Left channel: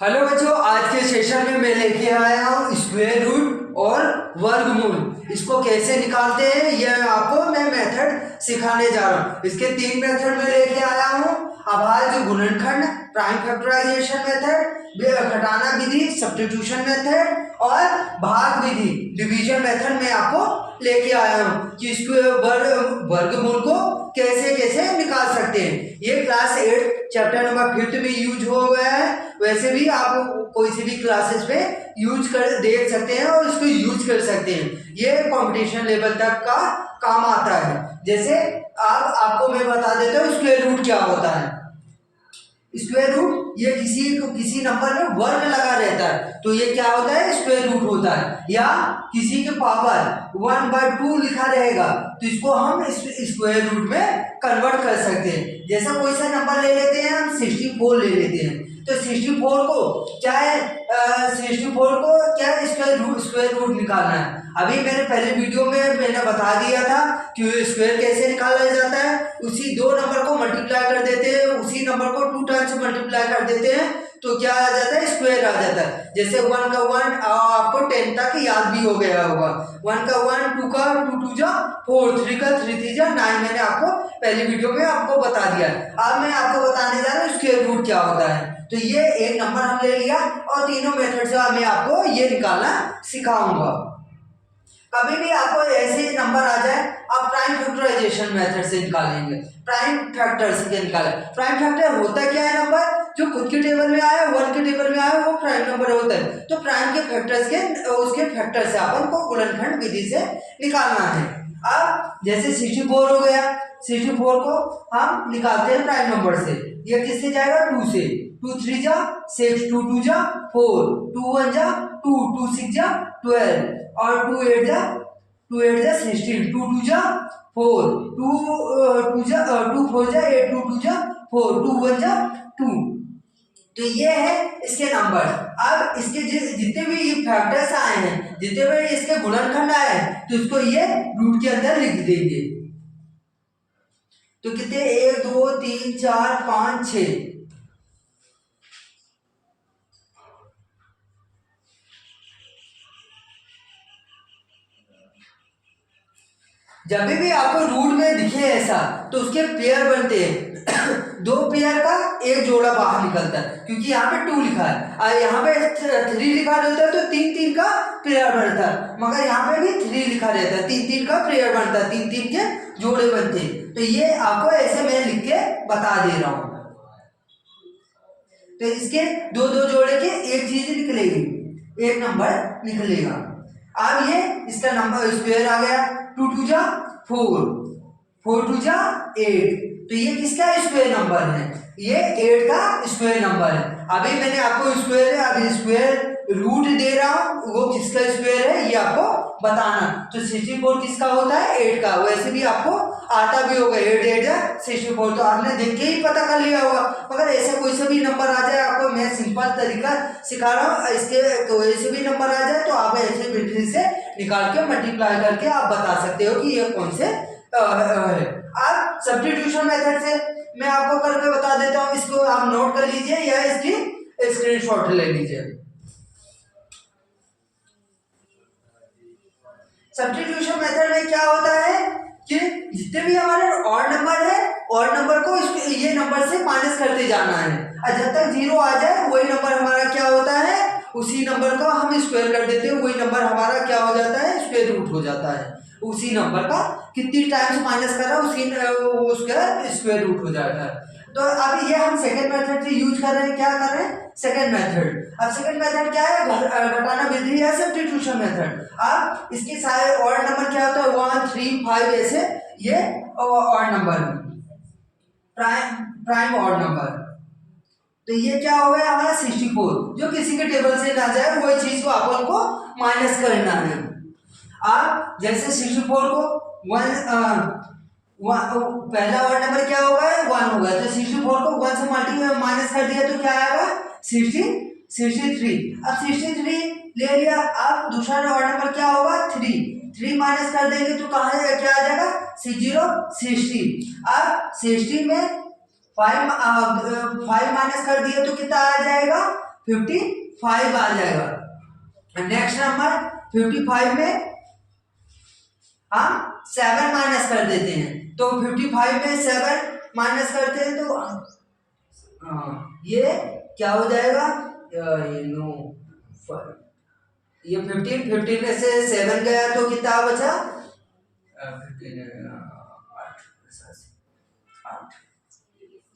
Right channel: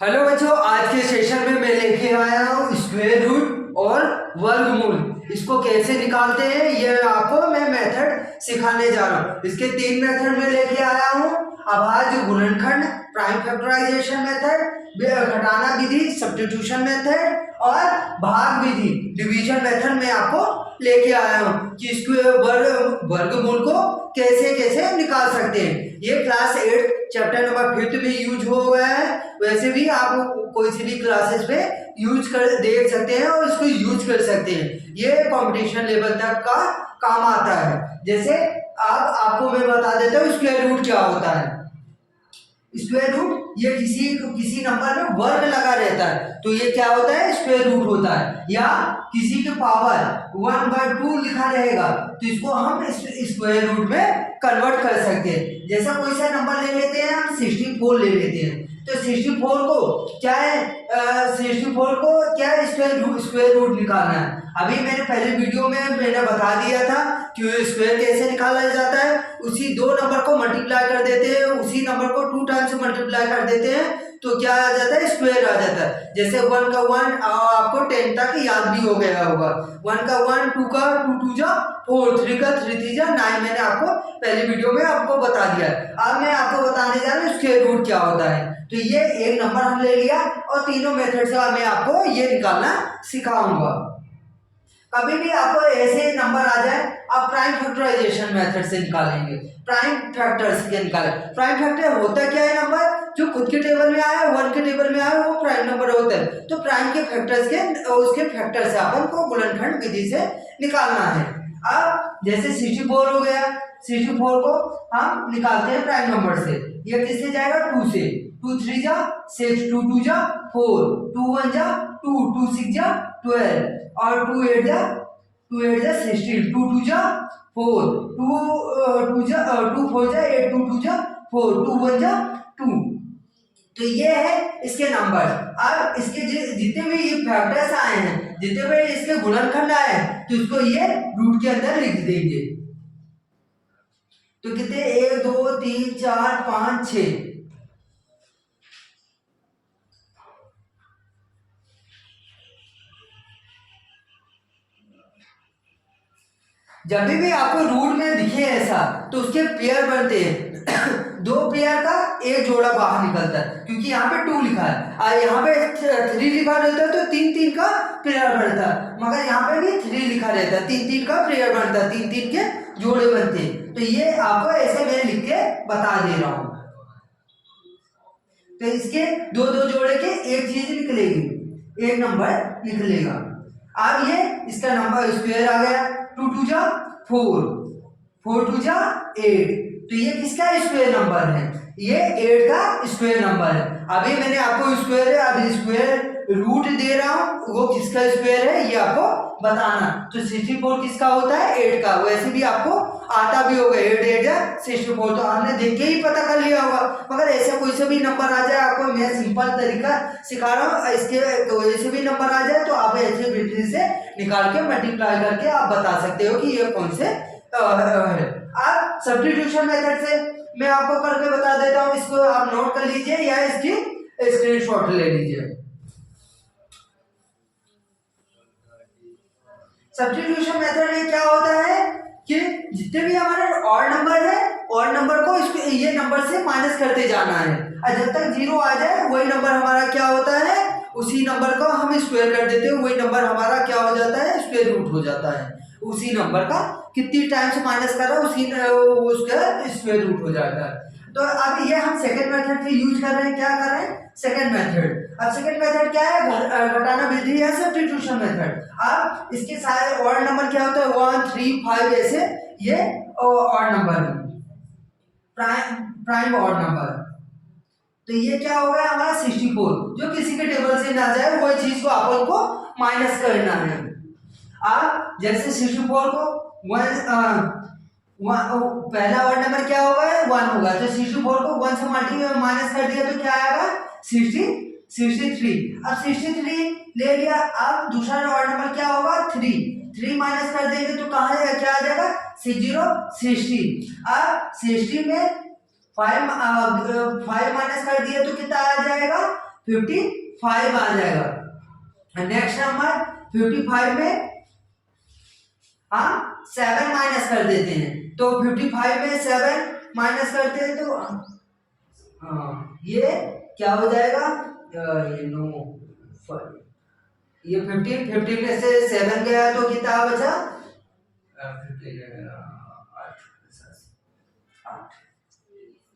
Hello बच्चों, आज के सेशन में मैं लेके आया हूँ स्क्वायर रूट और वर्गमूल। इसको कैसे निकालते हैं ये आपको मैं मेथड सिखाने जा रहा हूँ। इसके 3 मेथड में लेके आया हूँ। अभाज्य गुणनखंड, प्राइम फैक्टराइजेशन मेथड, घटाना विधि सब्स्टिट्यूशन मेथड और भाग विधि डिवीजन मेथड में आपको लेके आया हूँ कि इसको वर्गमूल को कैसे कैसे निकाल सकते हैं। ये क्लास 8 चैप्टर नंबर 5 में यूज हो गया है। वैसे भी आप कोई सी भी क्लासेस में यूज कर देख सकते हैं और इसको यूज कर सकते हैं। ये कंपटीशन लेवल तक का काम आता है। जैसे आपको मैं बता देता हूँ स्क्वायर रूट क्या होता है। स्क्वायर रूट ये किसी नंबर में वर्ग लगा रहता है तो ये क्या होता है, स्क्वायर रूट होता है। या किसी के पावर 1/2 लिखा रहेगा तो इसको हम स्क्वायर रूट में कन्वर्ट कर सकते हैं। जैसा कोई सा नंबर ले लेते हैं, हम 64 ले लेते हैं तो 64 को क्या स्क्वायर रूट निकालना है। अभी मैंने पहले वीडियो में मैंने बता दिया था कि स्क्वायर कैसे निकाला जाता है। उसी 2 नंबर को मल्टीप्लाई कर देते हैं, उसी नंबर को 2 टाइम्स मल्टीप्लाई कर देते हैं तो क्या आ जाता है, स्क्वायर आ जाता है। जैसे 1 का 1 आपको 10 तक याद भी हो गया होगा। 1 का 1, 2 का 2 2 जा 4, 3 का 3 3 जा 9 मैंने आपको पहली वीडियो में आपको बता दिया। अब मैं आपको बताने जा रहा हूँ स्क्वायर रूट क्या होता है। तो ये एक नंबर हम ले लिया और तीनों मेथड से मैं आपको ये निकालना सिखाऊंगा। कभी भी आपको ऐसे नंबर आ जाए आप प्राइम फैक्टराइजेशन मेथड से निकालेंगे। प्राइम फैक्टर से निकालें। प्राइम फैक्टर होता क्या है, नंबर जो खुद के टेबल में आया, 1 के टेबल में आया वो प्राइम नंबर होता है। तो प्राइम के फैक्टर्स के उसके फैक्टर से अपन को गुणनखंड विधि से निकालना है। अब जैसे 64 हो गया, 64 को हम निकालते हैं प्राइम नंबर से। ये किससे जाएगा, 2 से। 2 3 जा 6, 2 2 जा 4, 2 1 जा 2, 2 6 जा 12 और 2 8 जा 16, 2 2 जा 4, 2 2 जा 2 4 जा 8, 2 2 जा 4, 2 1 जा 2। तो ये है इसके नंबर। अब इसके जितने भी ये फैक्टर्स आए हैं, जितने भी इसके गुणनखंड आए हैं तो इसको ये रूट के अंदर लिख देंगे। तो कितने, 1 2 3 4 5 6। जब भी आपको रूट में दिखे ऐसा तो उसके पेयर बनते हैं। 2 पेयर का एक जोड़ा बाहर निकलता है क्योंकि यहाँ पे 2 लिखा है और यहाँ पे 3 लिखा रहता है तो 3 3 का पेयर बनता है। मगर यहाँ पे भी 3 लिखा रहता है, 3 3 का पेयर बनता है, 3 3 के जोड़े बनते हैं। तो ये आपको ऐसे मैं लिख के बता दे रहा हूँ। तो इसके 2 2 जोड़े के एक चीज निकलेगी, एक नंबर निकलेगा। अब ये इसका नंबर स्क्वायर आ गया। 2 2 जा 4, 4 2 जा 8। तो ये किसका स्क्वायर नंबर है, ये 8 का स्क्वायर नंबर है। अभी मैंने आपको स्क्वायर है, अभी स्क्वायर रूट दे रहा हूं, वो किसका स्क्वायर है ये आपको बताना। तो 64 किसका होता है, 8 का। वैसे भी आपको आता भी होगा 8 8 जा 64, तो आपने देख के ही पता कर लिया होगा। मगर ऐसा कोई सा भी नंबर आ जाए, आपको मैं सिंपल तरीका सिखा रहा हूँ, इसके तो ऐसे भी नंबर आ जाए तो आप ऐसे विधि से निकाल के मल्टीप्लाई करके आप बता सकते हो कि ये कौन से है। अब सब्स्टिट्यूशन मेथड से मैं आपको करके बता देता हूँ, इसको आप नोट कर लीजिए या इसकी स्क्रीनशॉट ले लीजिए। सब्स्टिट्यूशन मेथड में क्या होता है कि जितने भी हमारे ऑड नंबर है, ऑड नंबर को ये नंबर से माइनस करते जाना है और जब तक 0 आ जाए वही नंबर हमारा क्या होता है, उसी नंबर को हम स्क्वायर कर देते हैं, वही नंबर हमारा क्या हो जाता है, स्क्वायर रूट हो जाता है। उसी नंबर का कितनी टाइम्स माइनस कर रहा है उसका स्क्वायर रूट हो जाता है। तो अब ये हम सेकंड मेथड से यूज कर रहे हैं, क्या कर रहे हैं, सेकंड मेथड। अब सेकंड मेथड क्या है, घटाना विधि या सब्स्टिट्यूशन मेथड। अब इसके सारे ऑड नंबर क्या होता है, 1 3 5 ऐसे ये odd number, prime odd number. तो ये क्या हो गया हमारा 64, जो किसी के टेबल से ना जाए वही चीज को अपन को माइनस करना है। अब जैसे 64 को पहला ऑड नंबर क्या होगा, 1 होगा। तो 64 को 1 से माइनस कर दिया तो क्या आएगा, 63। अब 63 ले लिया। अब दूसरा ऑड नंबर क्या होगा, 3 माइनस कर देंगे तो कहाँ क्या आ जाएगा, 60। अब 60 में 5 माइनस कर दिया तो कितना आ जाएगा, 55 आ जाएगा। नेक्स्ट नंबर 55 में हम 7 माइनस कर देते हैं, तो 55 में 7 माइनस करते हैं तो ये क्या हो जाएगा, ये नो ये 15 में से 7 गया तो कितना बचा,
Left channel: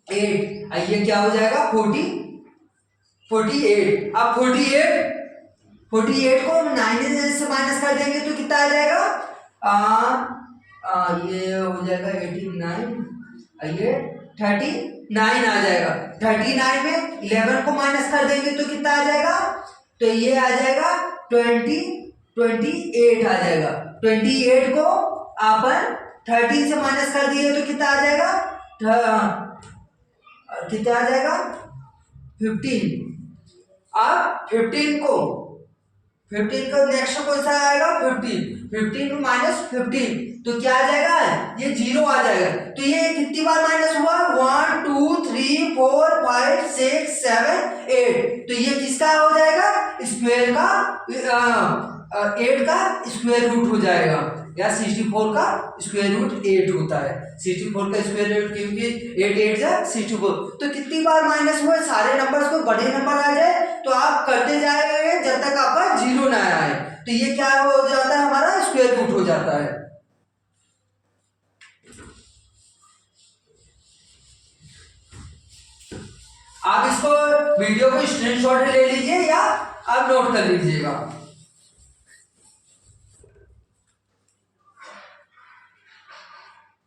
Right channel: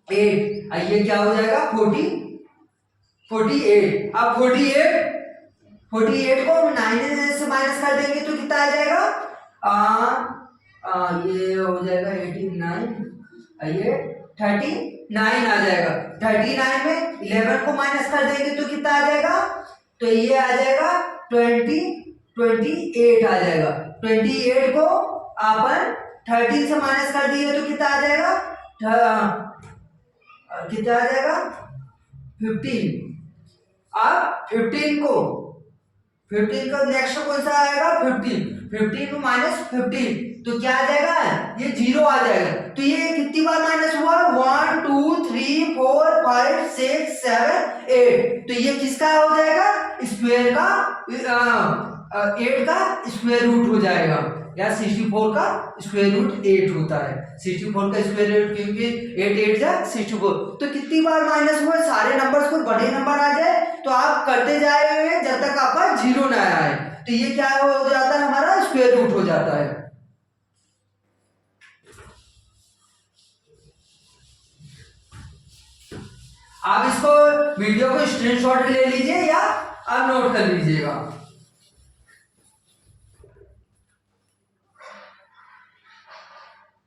8। ये क्या हो जाएगा 48। अब 48 को 9 से माइनस कर देंगे तो कितना आ जाएगा, ये हो जाएगा 89, ये 39 आ जाएगा। 39 में 11 को माइनस कर देंगे तो कितना आ जाएगा, तो ये आ जाएगा 28 आ जाएगा। 28 को अपन 13 से माइनस कर दिए तो कितना आ जाएगा, कितना आ जाएगा 15। अब 15 का नेक्स्ट कौन सा आएगा 15 माइनस 15 तो क्या आ जाएगा, ये 0 आ जाएगा। तो ये कितनी बार माइनस हुआ, 1 2 3 4 5 6 7 8, तो ये किसका हो जाएगा, स्क्वायर का 8 का स्क्वायर रूट हो जाएगा, या 64 का स्क्वायर रूट 8 होता है। 64 का स्क्वायर रूट क्योंकि 8 8 जा 64, तो कितनी बार माइनस हुआ, सारे नंबर्स को बड़े नंबर आ जाए तो आप करते जाएंगे जब तक आपका 0 ना आए, तो ये क्या हो जाता है, हमारा स्क्वायर रूट हो जाता है। आप इसको वीडियो को स्क्रीनशॉट ले लीजिए या आप नोट कर लीजिएगा।